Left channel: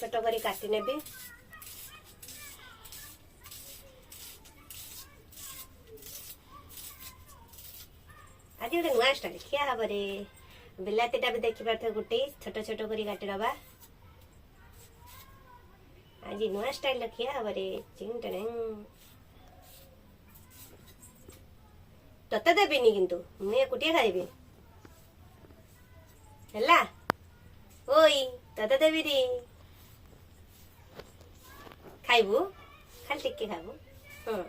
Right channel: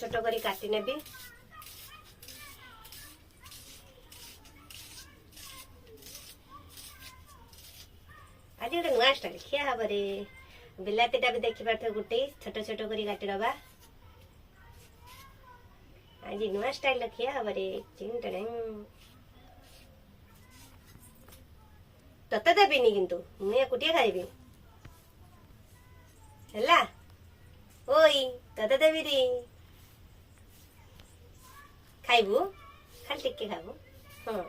छोट करी काटी नेबी। आज गोटे नुआ स्टाइल खिया हम रे बिलातीटा भी देखी पार्थ गोटे छोट छोट करी काटी दबा। आज नुआ स्टाइल खिया हम रे तते देविनी किंतु मुझे एकुटिया खाइबी हैला। ओई तते देवी रे खाइबू खाली टिके खाबू। हाँ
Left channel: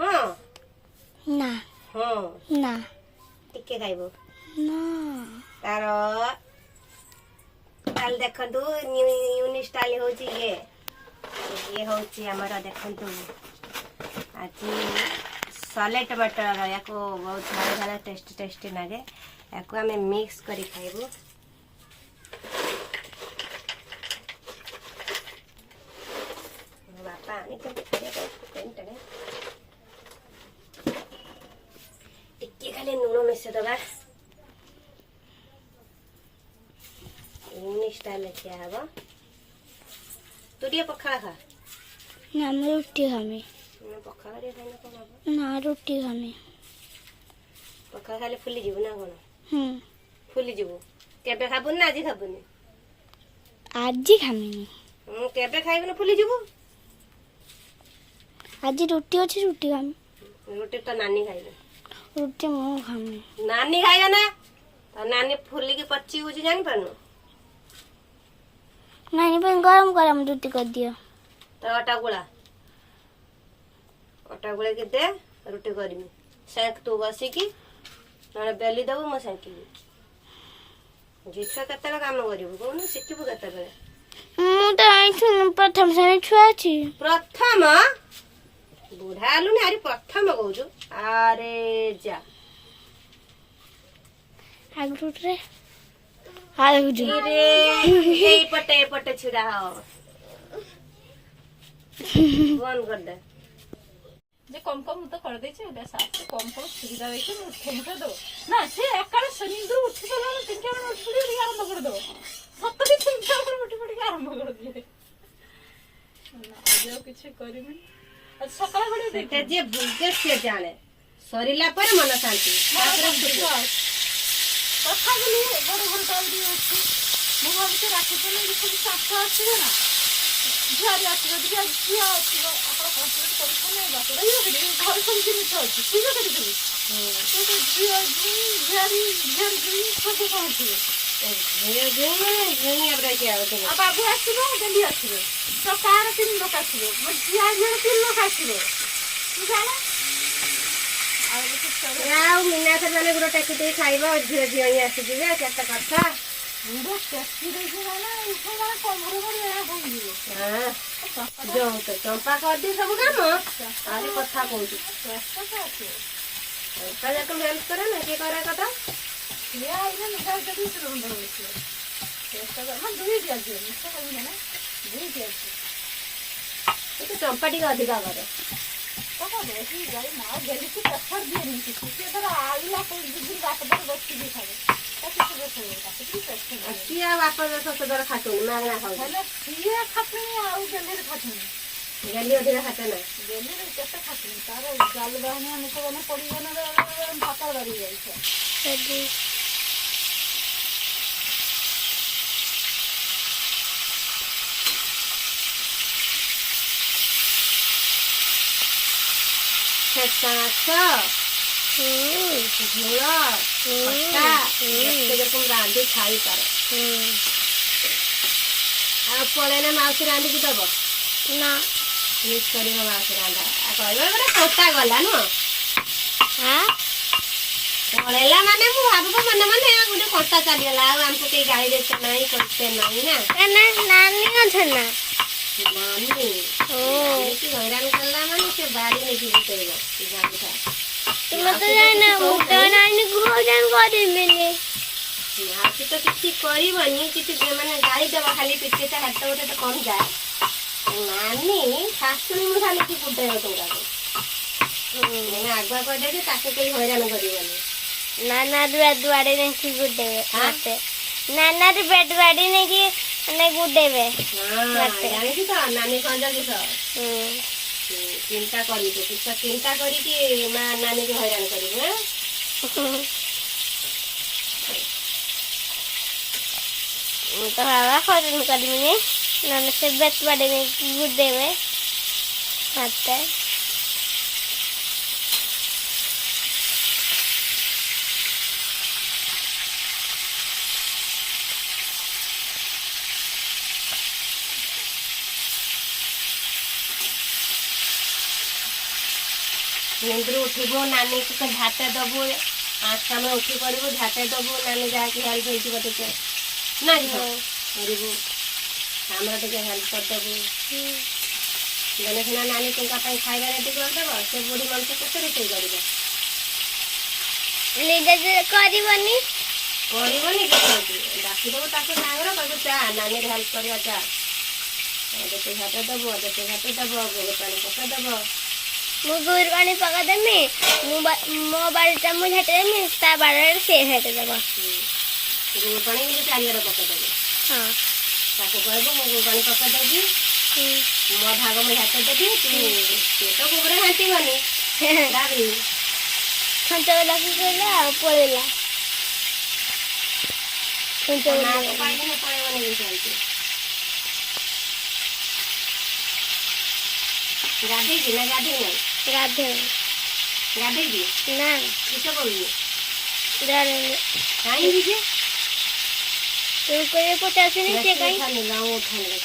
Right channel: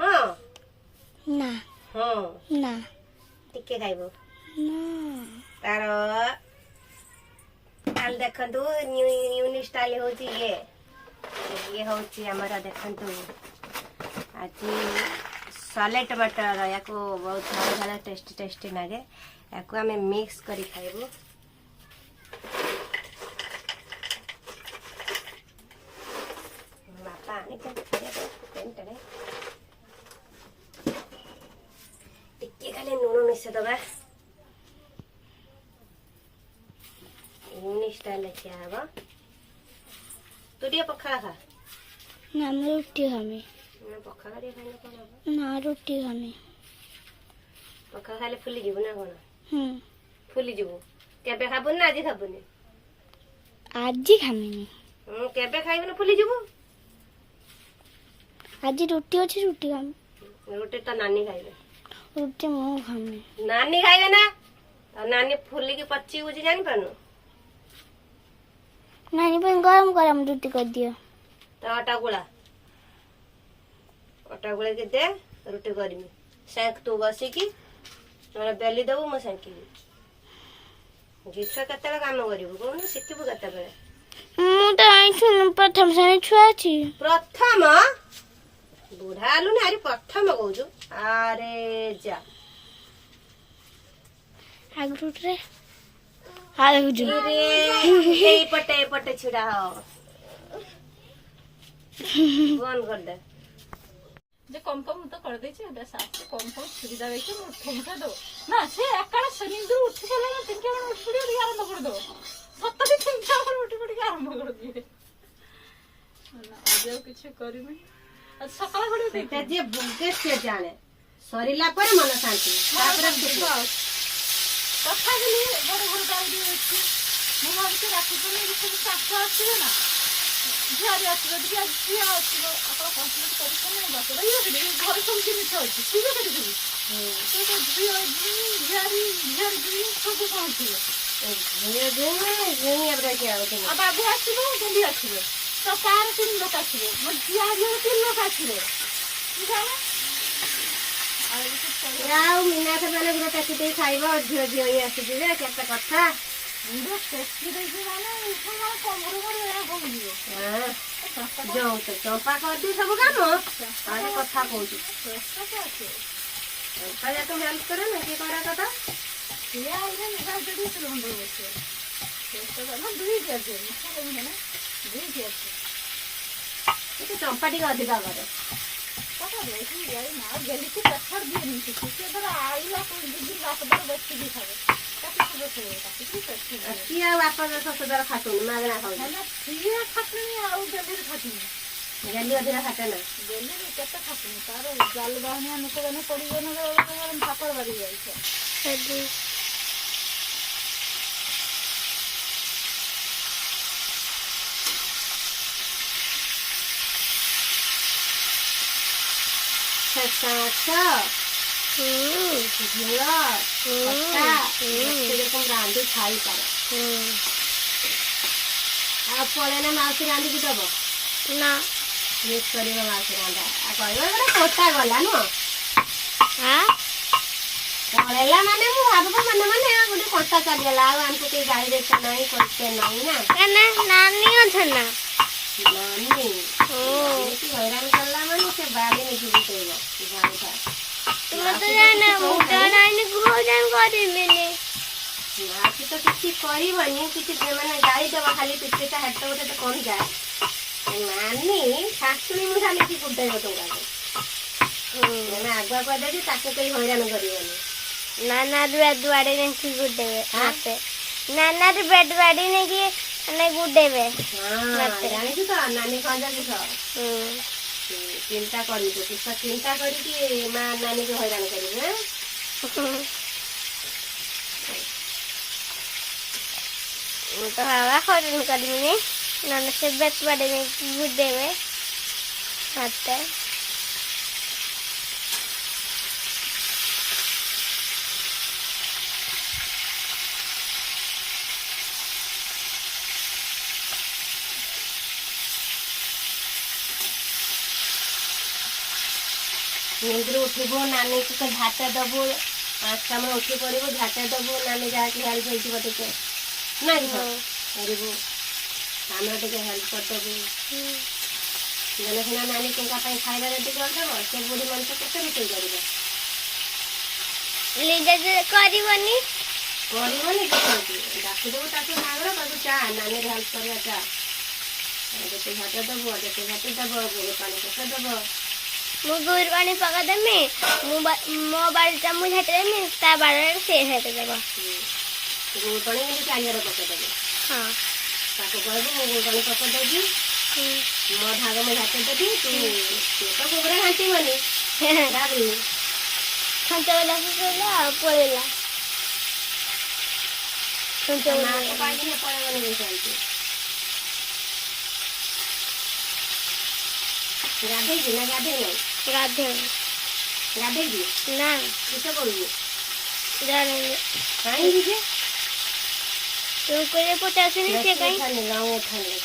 हाँ ना हाँ ना टिके खाइबू ना तार काल देखंतु न्यू स्टाइल होची ये होची हमर देखंतु आज सॉलेट बटर या को बहुत सारा टेस्टी लगे या को हमें मिक्स करी खाइबू। बापा आनी तो टिके खाली लूण मिसे दबा स्टाइल खिया हम। तू टे पखाड़ा खा ना मैं रोटी खामी पखाड़ा टे खाइना कौन हम ना रोटी खामी पखाड़ा खाले फुली जीवु ना कौन फुली जीवु केबे खाबुन ना आज खाबुनी आज खामी केबे खाइबु ना फुली जीवु आज रोटी अच्छी रोटी खामी रोटी तो नानी खाइबे रोटी मु खामी नानी खाइबे ना और नानी फुली की पच्ची उजी जान पानु नानी पे गरम गरम रोटी कर दियो तो आटा गुला के दे रोटी करमी सेंक तू बसी की ना बेली दबु म सेंकी जिछा केते काम करिबु कोन शिखिबु केते बेले मु तो आइछु प्रथम श्रेणी छुआ छी प्रथम बुढ़ा आलु ने आरी प्रथम कहूछु अरे जा आगु रे आगु जो रे ए पटे छिड़ा हो बंद कर दे जे कम कम तो कर दे छे ओटा साथ कम कम सुविधा देखि मुठा दो ना से एकाडे सनिंदु उठी पला ना तिनके मन उठी पड़ी आरंभ कर दो सत्तरी तिनके मन उठी पड़ी आरंभ कर दिए ना आज कुछ करिमे आज सकाळ बडी बेटा जे बुगे से जाने सरिला पर मन शांति तापर कथा बोली बड़ बड़ गाल दिए अछि मु हमसे राखी पनी सब साफ अछि ना झिया अछि झिया अछि आपण कंप्लीट करि कोन बात रही हो घर सब जिनिस अछि ठीक है ठीक तो झिया झिया सब पहुंचे ये अब रह के आओ तुम अब आगे आछिबो जल्दी आछिबो तो कार तीन लोक आछिबो मो झिया तीन लोक आछिबो बुझाला याव मीना से माने गुरो टैक्सी दे खाइबा झियो झियो ही आसी दिबे केते कथा मुंडा टैक्सी दे वाला उठला कमरो में आ बोलिबो हां जो तो चंपा कर दी सब काम अरे कथा कहू पैसा जा तुम हेल्प करे ना के करे कथा ये आइले निकाल दे दिस लोन दे छे पैसा जा मन दुई दिया दे ना दुई दिया तो चंपा टी अधिका करे तो देखी यार ना जल्दी की पत्थर दिए नहीं किसी के तो आइला कोई दूसरी बात पर बच्चे दिखावे ताकि तो देखो ताकि पत्थर किया वापस ससुदर खातुन मागना खाऊ हेलो ये खातनी आउ जल्दी खातनी जल्दी अधिका खाते ना जल्दी केते खातनी तारे जाल बाहने नको बने पड़ी बने गरम पापड़ बारी जाई छे सदी झोला जेरकम रांधि खाई पारे आप पड़े ना माउसी रांधि की दब ना मिस कर माउसी रांधा कहवा गोटे कोटा गला नु हाँ पड़ेला माने मु भाबको मने मने गोटे कोटा चलीगला आमको कई गाड़ी देते नहीं करते नहीं ना नानी अच्छा ना नानी की हैरान करला माने से बारी नहीं बुतेगा गाड़ी था तुम तो जाने मोटा नानी भोजन करी मैंने नाची तो किसी करबनी किसी माने गाड़ी दबा खाली पिटे ता हाथ गोटे तो कम जाए नानी शाशुड़ी मुठा लेके बुतेगा तुमका मैंने आगुआ कह दे ताके कोई हैरान करबनी नाना बेड बाड़ी नहीं की गुड्डे आते नाना बेड बाड़ी नहीं की ନାଇଁ ଗୁଡେଇବେ। ହଁ ଜାଣିଛୁ ତ ନାନୀ କଣ କିସ ହୁଁ। ଚିନ୍ତା କରିବୁ କିସ ଚିନ୍ତା କରିକି ମା ନାନୀକୁ ହଇରାଣ କରିବୁ। ମୁଁ ତ ବାବା ହଇରାଣ କରିବିନି, ନହେଲେ ସେ ବେତ ବାଡେଇବେ ଗୁଡେଇବେ ମତେ। ନିନ୍ଦରୁ ଉଠିବୁ ନାନୀକୁ ଝାଟେ ଦବୁ, 5ଟା ବେଳେ ଉଠି ପଡିବୁ ଝାଟେ ଦବୁ, ନାନୀ ଯାହାକି ହେଲ୍ପ ହେଇଯିବ ଟିକେ ନା କି କରିବୁ, ଆମର ଟିକେ ହେଲ୍ପ କରିଦେବୁ। ଜଣେ ସିନା ନାନୀ ଟଙ୍କା ପାଇଁ ଖାଇବା ରେଡି କରିଦେବ, ସେ ବୁଢୀ ମଣିଷ କେତେ ରୋଷେଇ କରିବ? ନିଜେ କରିବନି। କରିବନି କିଛି ଡାକିଦେବୁ ତାକୁ ସାଙ୍ଗରେ କହିବୁ ଚା ନାନୀର ହେଲ୍ପ କରିବା ଚା, ଯେତେ ଝାଟେ ଦବୁ ଯେତେ ଝାଟେ ଦବ, ଗୋରୁ ପାଣି ପକେଇ ଦବ। ମୁଁ ଗୋରୁ ପାଣି ପକେଇଦେମି, ମୋ ବାଡ଼ିଟା ମୁଁ ଝାଟିଦେମି, ତା ବାଡ଼ିରେ ସେ ଝାଟିଦେବ। ଗୋରୁ ପାଣି କିନ୍ତୁ ଚାରିଆଡ଼େ ପକେଇଦେବୁ। ହଁ। ତାକୁ କହିବୁ ମୁଁ ଗୋରୁ ପାଣି ପକେଇଦେବି, ମୋ ଭାଗ ମୁଁ ଝାଟେ ଦେବି, ତୁ ତ ଗୋବର ଘାଣ୍ଟିବନି ଭାବି ଛଞ୍ଚ କହିଲା ଆଉ ପଳେଇଲା। ମାକୁ ପାଇକିନା ପଳେଇବନି ସେମିତି। ଗାଧେଇଛି ନା ଗାଧେଇ ନାହିଁ? ଗାଧେଇବି ଗାଧେଇଛି ନା କିସ କରୁଛୁ? ଜାଣିନି। କାହିଁକି ଯେ ତୁ କହିଲେ ପଚାରୁଛନ୍ତି ସେ କାହିଁ ଉଠାନି ଗାଁ ଉଠାନି